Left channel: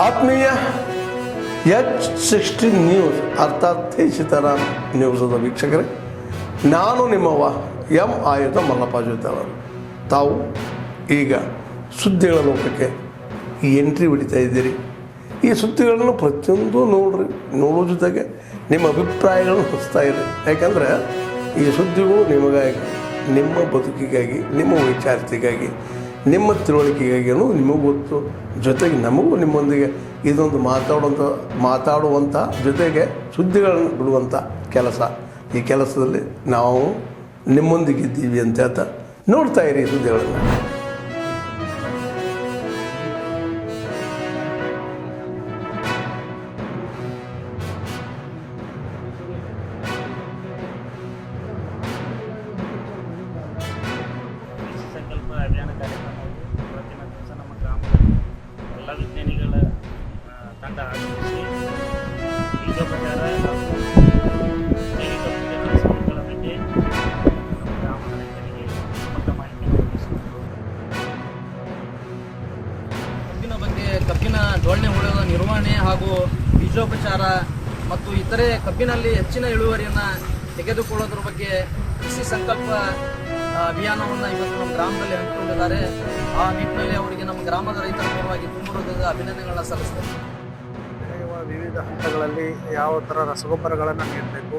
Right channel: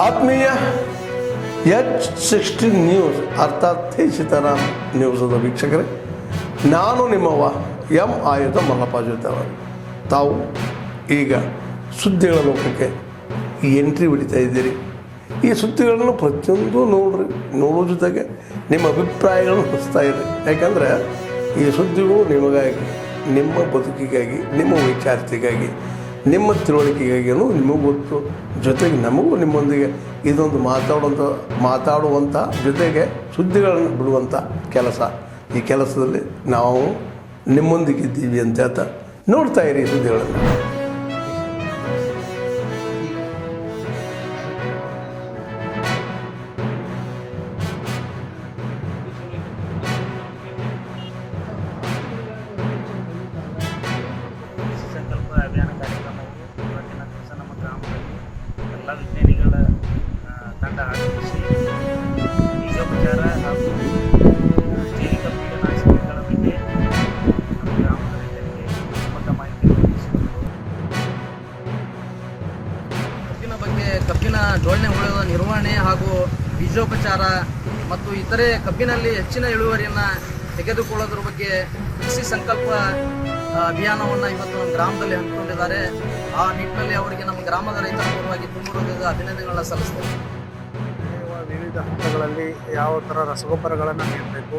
ಆತ್ಮೀಯ H16 news ಅರ್ಥಾತ್ ಸೀತಾರಾಮ್ ನ್ಯೂಸದ ವೀಕ್ಷಕರೇ, ನಾನು ನಿಮ್ಮವ ಎಂ ಆಯುಧ ಮಲ್ಲಪ್ಪ ಜೊತೆಯವರು. ತಾವು ಈಗ ಸುದ್ದಿಗಳ ಲೋಕಕ್ಕೆ ಎಂಟ್ರಿ ಹೊಡಿತಾ ಇದ್ದೀರಿ. ಈ ಸುದ್ದಿಗಳನ್ನು ಪ್ರತಿಯೊಂದು ನೋಡೋ ಜೊತೆಗೆ ನಿಮ್ಮ ಅಭಿಪ್ರಾಯಗಳನ್ನು ಹಚ್ತಾ ಇರಿ. ಯಾಕಂದರೆ ಈ ಸುದ್ದಿಗಳು ನಿಮಗಾಗಿ, ನಿಮ್ಮ ಬದುಕಿಗಾಗಿ, ನಿಮ್ಮ ವೈಚಾರಿಕೆಗಾಗಿ, ನಿಮ್ಮ ತಿಳುವಳಿಕೆಗಾಗಿಯೂ ನಿಮಗೂ ಗೊತ್ತು. ಜೊತೆಗೆ ನಮಗೂ ನಿಮ್ಮೊಂದಿಗೆ ಇದೊಂದು ಮಾತಾಡುವಂಥ ಜೊತೆಗೆ ಸುದ್ದಿಗಳನ್ನು ಬಿಡುವಂಥ ಕೆಲಸ. ಈ ಕೆಲಸದಲ್ಲಿ ನಾವು ನಿಮ್ಮೊಂದಿಗಿದ್ದೀವಿ ಅಂತ ಹೇಳ್ತಾ ನೋಡ್ತಾ ಇರಿ ಸುದ್ದಿಗಳನ್ನು. ಸಂಕಲ್ಪ ಅಭಿಯಾನ ಕಾರ್ಯಕ್ರಮವು ಇವತ್ತಿನ ದಿವಸ ನಮ್ಮ ಗ್ರಾಮದಲ್ಲಿ ಎಲ್ಲ ವಿಜ್ಞಾನಿಗಳ ತಂಡ ಆಗಮಿಸಿ ಬೀಜೋಪಚಾರ ಹಾಗೂ ಜೈವಿಕ ಕೀಟನಾಶಕಗಳ ಬಗ್ಗೆ ನಮ್ಮ ಗ್ರಾಮದ ರೈತರಿಗೆ ಸಮಗ್ರ ಮಾಹಿತಿಯನ್ನು ಒದಗಿಸಿಕೊಟ್ಟರು. ಕಬ್ಬಿನ ಡೊಳ್ಳೆ ಹುಳದ ನಿರ್ವಹಣೆ ಹಾಗೂ ಬೀಜೋಪಚಾರ ಮತ್ತು ಇತರೆ ಕಬ್ಬಿನಲ್ಲಿ ಹೆಚ್ಚಿನ ಇಳುವರಿಯನ್ನು ತೆಗೆದುಕೊಳ್ಳೋದ್ರ ಬಗ್ಗೆ ಕೃಷಿ ಸಂಕಲ್ಪ ಅಭಿಯಾನವನ್ನು ಇವತ್ತು ನಮ್ಮ ಗ್ರಾಮದಲ್ಲಿ ಹಮ್ಮಿಕೊಂಡಿದ್ದಾರೆ. ಆ ನಿಟ್ಟಿನಲ್ಲಿ ಅವರಿಗೆ ನಮ್ಮ ಗ್ರಾಮದ ರೈತರ ಪರವಾಗಿ ತುಂಬ ಹೃದಯದ ಅಭಿನಂದನೆಗಳನ್ನ ಸಲ್ಲಿಸ್ತೇವೆ. ಬೆಳೆಯುವ ವಿವಿಧ ಹಂತಗಳಲ್ಲಿ ಯಾವ ಥರ ರಸಗೊಬ್ಬರಗಳನ್ನು ನೀಡಬೇಕು,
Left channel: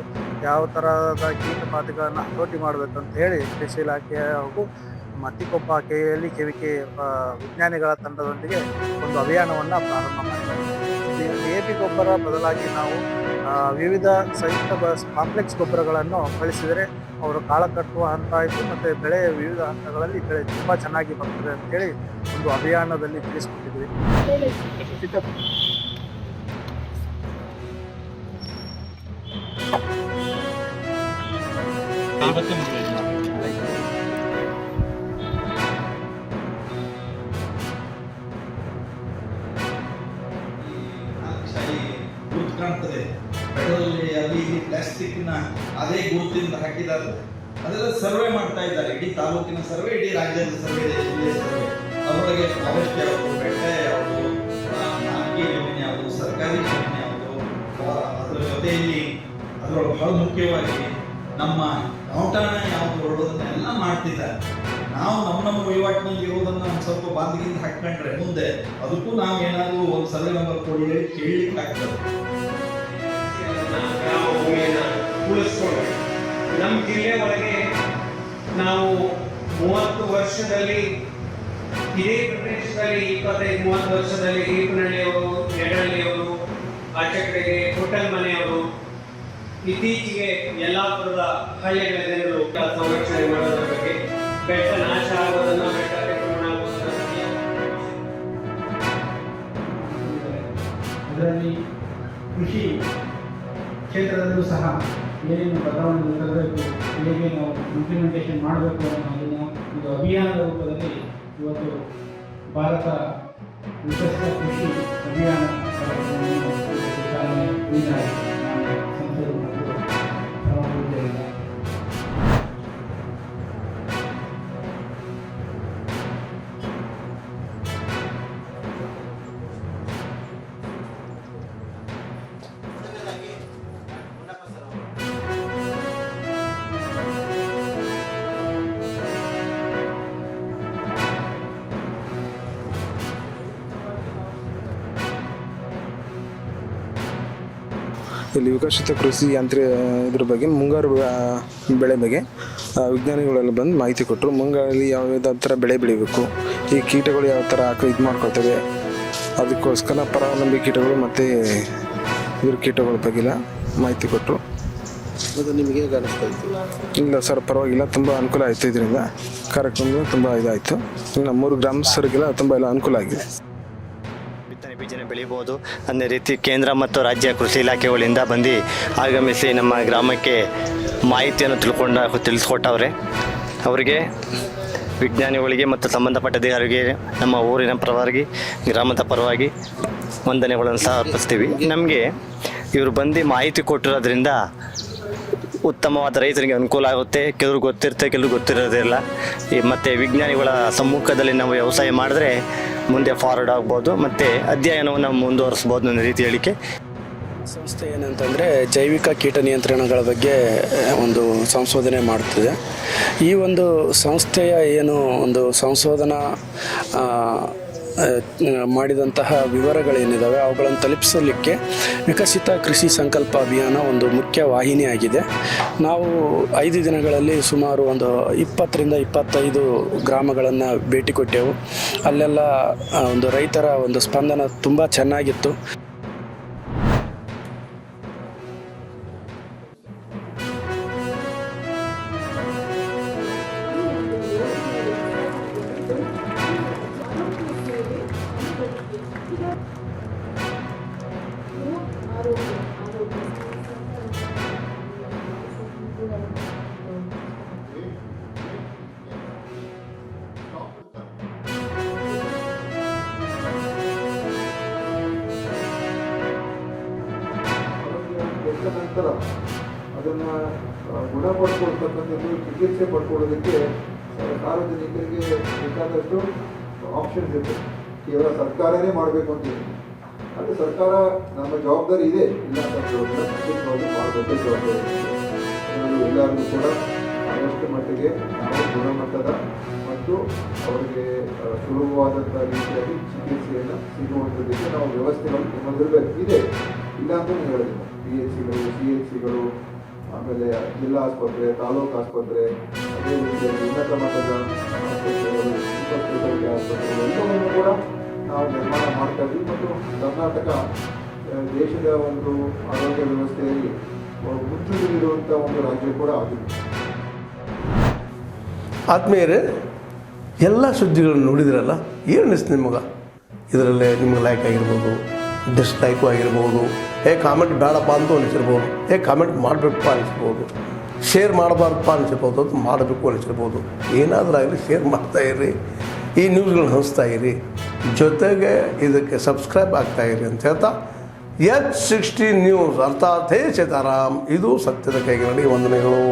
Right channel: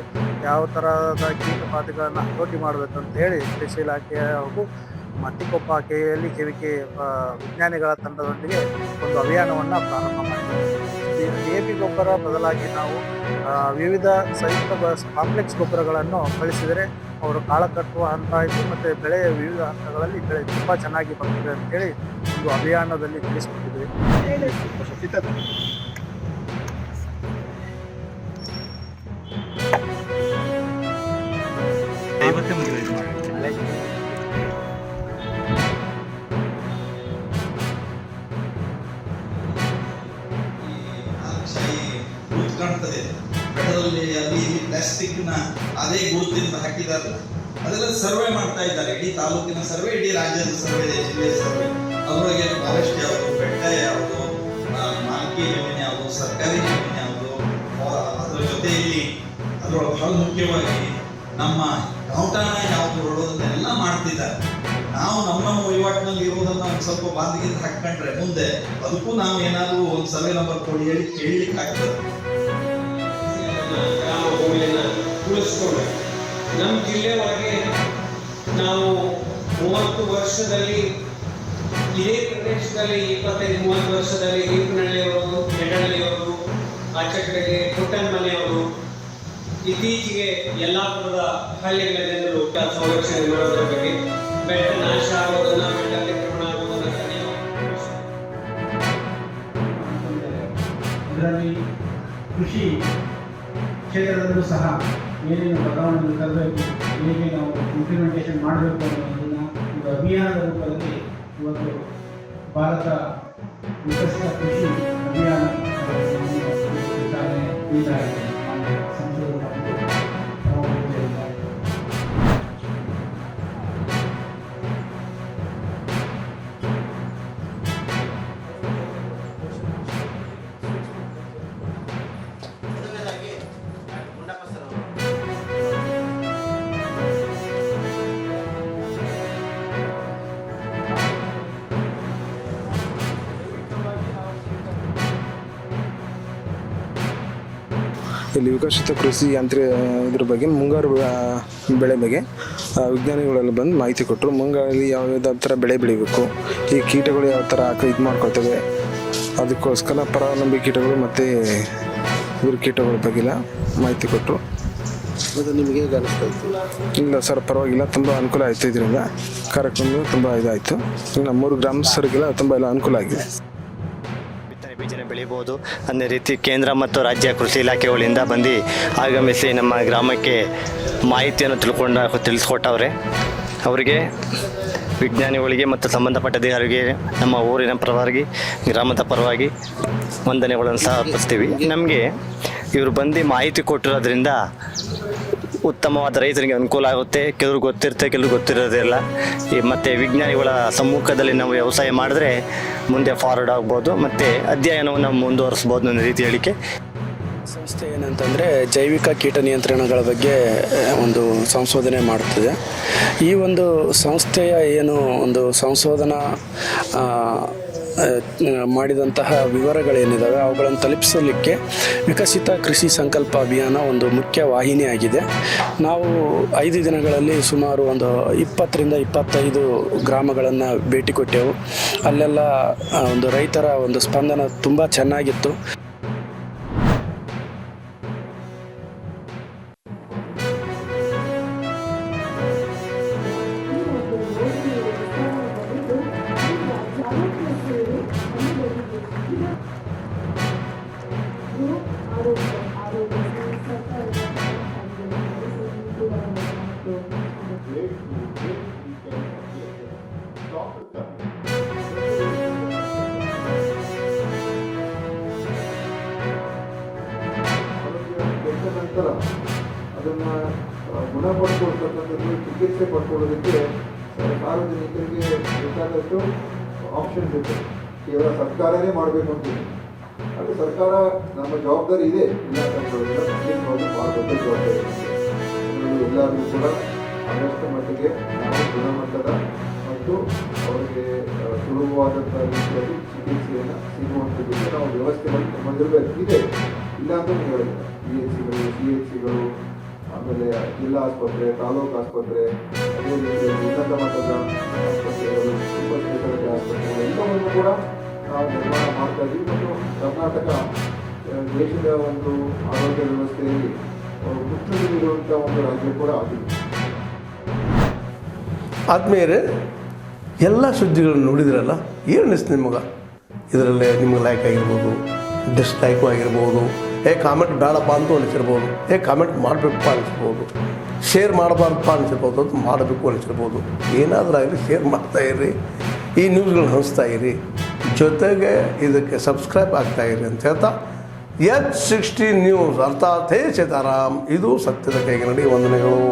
ಯಾವ ಥರದ ಕೀಟಪಾತಿಗಳನ್ನು ಹತೋಟಿ ಮಾಡಬೇಕು ಅಂತ ಹೇಳಿ ಕೃಷಿ ಇಲಾಖೆ ಹಾಗೂ ಮತ್ತಿಕೊಪ್ಪ KLE ವಿಜ್ಞಾನಿಗಳ ತಂಡದೊಂದಿಗೆ ಒಂದು ಅಭಿಯಾನವನ್ನು ಪ್ರಾರಂಭ ಮಾಡಿದ್ದಾರೆ. DAP ಗೊಬ್ಬರ ಬದಲಾಗಿ ನಾವು ವಿವಿಧ ಸಂಯುಕ್ತ ಕಾಂಪ್ಲೆಕ್ಸ್ ಗೊಬ್ಬರಗಳನ್ನು ಬಳಸಿದರೆ ಅವರು ಕಾಳ ಕಟ್ಟುವ ಹಂತ ಆಯಿತು ಮತ್ತು ಬೆಳೆಯ ವಿವಿಧ ಹಂತಗಳಲ್ಲಿ ಬೆಳೆ ತುಂಬ ಚೆನ್ನಾಗಿ ಬರ್ತದೆ ಅಂತೇಳಿ ಒಂದು ಅಭಿಯಾನದಲ್ಲಿ ತಿಳಿಸ್ಕೊಟ್ಟಿದ್ವಿ. ಗುರುತು ಕಾಣ್ತದೆ ಬೆಟ್ಟದಲ್ಲಿ, ಅಲ್ಲಿ ಇಲ್ಲಿ ಪ್ಲಾಸ್ಟಿಕ್ನ ಅದೇ ಗುರುತಿಂದ ಹಾಕಿದ್ದಾರೆ. ಅದರಲ್ಲಿ ಸರ್ವೆ ಮಾಡ್ತಾ ಇದ್ದಾರೆ. ಇಡೀ ತಾಲೂಕಿನ ಸರ್ವೆ, ಇಡೀ ರಾಜ್ಯದ ಸರ್ವೆ, ಜಿಲ್ಲೆಯ ಸರ್ವೆ. ಅದರೊಳಗೆ ಫಾರೆಸ್ಟ್ ಯಾವುದು, ಬೆಟ್ಟ ಯಾವುದು, ಮಾಲ್ಕಿ ಜಮೀನು ಯಾವುದು, ಸರ್ಕಾರಿ ಜಮೀನು ಯಾವುದು, ಅದರ ಜೊತೆಯಲ್ಲಿ ಅದರೊಳಗೆ ಬಹಳ ಮುಖ್ಯವಾಗಿ ನಮ್ಮ ಔಟಾಣ ಯಾವುದು ಹೊರಡೋದನ್ನೆಲ್ಲ ಮಾಡ್ತಿದ್ದಾರೆ. ನಾವು ನಮ್ಮ ವಹಿವಾಟಿನಲ್ಲಿ ಇರೋದನ್ನು ಒಂದು ಸ್ವಲ್ಪ ಬಾಂಧಿಗಿಂದ ಹಾಕೊಂಡ್ರೆ ಮುಂದೆ ಅದಕ್ಕೂ ನಾವು ಏನಾದರೂ ಒಂದು ಸರ್ವೆ ನಂಬರ್ ಕೊಡಿ ಹೇಳಿ ಕೇಳಲಿಕ್ಕೆ ಆಗ್ತದೆ. ಗ್ರಾಮ ಭೂಮಿಯನ್ನು ಉಳಿಸ್ಕೊಂಡು ನಮ್ಮ ಜಿಲ್ಲೆ ಒಳಗೆ ನಾವು 30 ವರ್ಷದಲ್ಲಿ ಇದೇ ಪ್ರದೇಶದಲ್ಲಿ 25-30 ವರ್ಷದಲ್ಲಿ ಈಪನಹಳ್ಳಿಯವರು, ಯಡಹಳ್ಳಿಯವರು, ಆಚೆ ಕಡೆಗೆ ಪುಟ್ಟನ ಮನೆಯವರು, ಇತ್ತೀಚೆಗೆ ಯಲ್ಲಾಪುರದ ಹಳ್ಳಿಗಳ ಜನರು ಸಂರಕ್ಷಣೆ ಮಾಡೋದರ ಬಗ್ಗೆ, ಬೆಟ್ಟ ನಾಶ ಆಗೋದನ್ನ, ಬೆಟ್ಟ ಅತಿಕ್ರಮಣ ಆಗೋದನ್ನ ಅದರಲ್ಲಿ ಕೃಷಿ ಕ್ಷೇತ್ರದಲ್ಲೂ ಸಹ ಏನೇನು ಬದಲಾವಣೆಗಳು ತರಬೇಕು, ಹೇಗೆ ನಾವು ಇಂಪ್ಲಿಮೆಂಟೇಷನ್ ಮಾಡಬೇಕು ಅನ್ನೋದನ್ನು ಒಂದು ಅಭಿಯಾನದ ರೂಪದಲ್ಲಿ ಇವತ್ತು ಭಾರತ ವಿಕಸಿತ ಕೃಷಿ ಅಭಿಯಾನ ಕಾರ್ಯಕ್ರಮವನ್ನು ಚಾಲನೆ ನೀಡಲಾಗಿದೆ. ನಾನು ಸಂಸದರು ಮತ್ತು ಪ್ರಮುಖರಿಂದ ಇಲ್ಲಿ ವಿಕಸಿತ ಕೃಷಿ ಇದ್ರ ಬಗ್ಗೆ ಮುಂಗಾರು ಬೆಳೆ ಬಗ್ಗೆ ವಿಜ್ಞಾನಿಗಳೆಲ್ಲ ಬಂದು ಮಾಹಿತಿ ಕೊಟ್ಟರು. ಮುಂಗಾರಲ್ಲಿ ಯಾವ ಥರ ಬೆಳೆ ಬೆಳಿಬೇಕು, ಈ ಕೀಟಗಳು ಯಾವ ಥರ ಇದು ಮಾಡ್ಕೊಳ್ತವೆ, ಅದಕ್ಕೋಸ್ಕರ ಪರಾವಲಂಬಿ ಕೀಟಗಳು ಮತ್ತು ಇದ್ರ ಕೀಟಗಳ ಬಗ್ಗೆಲ್ಲ ಮಾಹಿತಿ ಕೊಟ್ಟರು. ಮತ್ತು ನಿಮಗೆ ಹೇಗೆ ಅನಿಸ್ತಾ ಇತ್ತು? ಇಲ್ಲ ಸರ್, ಪರವಾಗಿಲ್ಲ, ತುಂಬ ಅನುಕೂಲ ಆಯಿತು. ಇದರಿಂದ ಕಾರ್ಯಕ್ರಮ ತುಂಬ ಇದಾಯಿತು. ಇನ್ನು 3 ಗ್ರಾಮಸ್ಥರಿಗೆಲ್ಲ ತುಂಬ ಎಲ್ಲ ಅನುಕೂಲ ಆಗಿದೆ. ಬಿತ್ತನೆ ಬೀಜನ ಬೆಳಿಬೋದು ಅನ್ನೋ ರೀತಿ ಕೇಂದ್ರ ಮತ್ತು ರಾಜ್ಯ ಕೃಷಿ ಇಲಾಖೆಗಳಿಂದ ಬಂದು ಆಗಮಿಸಿ ನಮ್ಮ ಗ್ರಾಮಕ್ಕೆ ಮಾಹಿತಿಯನ್ನು ತಿಳಿಸ್ಕೊಟ್ಟವ್ರೆ. ಅವರಿಗೆ, ವಿಜ್ಞಾನಿಗಳಿಗೆ ಮತ್ತು ಸಂಬಂಧಪಟ್ಟ ಅಧಿಕಾರಿಗೆ ನಮ್ಮ ಊರಿನ ಪರವಾಗಿ, ಗ್ರಾಮದ ಪರವಾಗಿ ವಂದನೆಗಳನ್ನು ಸಹ ಅರ್ಪಿಸ್ತೀವಿ. ನಮಗೆ ಇವರು ಬಂದು ಮಾಹಿತಿ ಕೊಟ್ಟಿರೋದ್ರಿಂದ ಉತ್ತಮವಾದ ರೈತರಿಗೆ ಅನುಕೂಲ ಆಗುತ್ತೆ. ಕೆಲವ್ರು ಗೊತ್ತಿರುತ್ತೆ, ಕೆಲವ್ರು ಗೊತ್ತಿರೋದಿಲ್ಲ. ಮತ್ತು ವಿಜ್ಞಾನಿಗಳ ಸಮ್ಮುಖದಲ್ಲಿ ನಾವು ವ್ಯವಸಾಯ ಮಾಡಿದ್ರೆ ಮುಂದೆ ಫಾರ್ವರ್ಡ್ ಆಗ್ಬೋದು ಮತ್ತು ಅಧ್ಯಯನವನ್ನು ಮುಂದುವರಿಸ್ಬೋದು ಅನ್ನೋ ರೀತಿ ಹೇಳಿಕೆ. ಸಂಸ್ಥೆ ಏನಂತಂದರೆ ಜೈವಿಕ ಕೀಟ ನಿಯಂತ್ರಣಗಳ ಬಗ್ಗೆ ಒಂದು ಸಂಶೋಧನೆ ಮಾಡುತ್ತದೆ. ಈ ಒಂದು ಸಂಸ್ಥೆಯ ಏನು ಒಂದು ಸಂಶೋಧನಾ ಮಾಡಿದಂತಹ ವಿವರಗಳೇನಿದ್ದಾವೆ ಅವುಗಳನ್ನು ತಲುಪಿಸಲಿಕ್ಕೆ ವಿಕಸಿತ ಕೃಷಿ ಸಂಕಲ್ಪ ಅಭಿಯಾನ ಒಂದು ಮುಖ್ಯ ವಾಹಿನಿಯಾಗಿದೆ. ನಾವು 5 ದಿನಗಳಲ್ಲಿ ಸುಮಾರು ಒಂದು 20ರಿಂದ 25 ಗ್ರಾಮಗಳನ್ನು ಭೇಟಿ ಕೊಟ್ಟೆವು. ಅಲ್ಲೆಲ್ಲ ಒಂದು ರೈತರ ಒಂದು ಸ್ಪಂದನ ತುಂಬ ಚೆನ್ನಾಗಿತ್ತು. ಕೆಟ್ಟ ನಂತರ ಅದನ್ನು ಗುಣಪಡಿಸ್ಕೊಳ್ತಕ್ಕಂಥದ್ದು, ಚಿಕಿತ್ಸೆ ಪಡ್ಕೊಳ್ಳೋದಕ್ಕೆ ಸಾರ್ವಜನಿಕರಿಗೆ ಬೇಕಾದಷ್ಟು ಆಪ್ಷನ್ಸ್ ಇರ್ತದೆ. ಕೇವಲ ಸರ್ಕಾರನೇ ಮಾಡಬೇಕು ಅಂತಿದೆ. ಆದರೆ ಸರ್ಕಾರ ನಮ್ಮ ಜವಾಬ್ದಾರಿ ಇದೆ, ಇಲ್ಲ ಅಂತ ಹೇಳೋದಿಲ್ಲ, ಖಂಡಿತವಾಗ್ಲೂ ಭಾಳ ದೊಡ್ಡ ಜವಾಬ್ದಾರಿ ಇದೆ. ಅದರಲ್ಲೂ ಎಲ್ಲರಿಗೂ ಕೂಡ ಆದಷ್ಟು ಮಟ್ಟಿಗೆ ನಾವು ಗುಣಮಟ್ಟದ ಮತ್ತು ಅವರಿಗೆ ಸುಲಭವಾದಂಥ ರೀತಿಯಲ್ಲಿ ಚಿಕಿತ್ಸೆಯನ್ನು ಸಿಗುವಂಥದ್ದಕ್ಕೆ ನಾವು ವ್ಯವಸ್ಥೆಗಳು ನಮ್ಮಲ್ಲಿರಬೇಕು. ಇದೆ, ಇಲ್ಲ ಅಂತಲೂ ಹೇಳೋದಿಲ್ಲ. PHCಗಳು, CHCಗಳು, ಆಮೇಲೆ ಜಿಲ್ಲಾ ಆಸ್ಪತ್ರೆ, ತಾಲೂಕು ಆಸ್ಪತ್ರೆ, ಅದೇ ರೀತಿಯಲ್ಲಿ ಉನ್ನತ ಮಟ್ಟದ ಆಸ್ಪತ್ರೆಗಳು, ಸೂಪರ್ ಸ್ಪೆಷಾಲಿಟಿ ಆಸ್ಪತ್ರೆಗಳು ಎಲ್ಲವನ್ನು ಕೂಡ ನಾವು ನಿರ್ಮಾಣ ಮಾಡ್ತಾ ಇದ್ದೀವಿ. ಮತ್ತು ಕರ್ನಾಟಕ ದೇಶದ ಒಂದು ಆರೋಗ್ಯ ವ್ಯವಸ್ಥೆಯಲ್ಲಿ ಮುಚ್ಚುತ್ತಿರುವಂಥ ಒಂದು ರಾಜ್ಯ ಕೂಡ ಆಗಿದೆ. ಆದ್ಮೇಲೆ ಎಲ್ಲ ಸುದ್ದಿಗಳನ್ನು ನೋಡಿದ್ರಲ್ಲ, ಏನು ಅನಿಸ್ತು ನಿಮಗೆ? ಇದರಲ್ಲೇ ನಿಮ್ಗೆ ಲೈಕ್ ಆಗಿರ್ಬೋದು, ಡಿಸ್ಲೈಕು ಆಗಿರ್ಬೋದು, ಕಾಮೆಂಟ್ ಬೇಡಪ್ಪ ಅಂತ ಅನಿಸಿರ್ಬೋದು, ಕಾಮೆಂಟ್ ಮಾಡಬೇಕಪ್ಪ ಅನಿಸ್ಬೋದು, ಶೇರ್ ಮಾಡಬಾರ್ದಪ್ಪ ಅನಿಸಿರ್ಬೋದು, ಅದು ಮಾಡಬೇಕು ಅನಿಸಿರ್ಬೋದು. ಏನಾದರೂ ಆಗಲಿ ಶೇರ್ ಮಾಡ್ತಾಯಿರಿ, ಈ ನ್ಯೂಸ್ಗಳನ್ನ ಹಂಚ್ತಾ ಇರಿ, ಜೊತೆಗೆ ಇದಕ್ಕೆ ಸಬ್ಸ್ಕ್ರೈಬ್ ಆಗ್ತಾಯಿರಿ ಅಂತ ಹೇಳ್ತಾ H16 ನ್ಯೂಸ್ ಅರ್ಥಾತ್ ಹೇ ಸೀತಾರಾಮ್, ಇದು ಸತ್ಯದ ಕೈಗೆ ನಡಿ. ವಂದನೆಗಳು.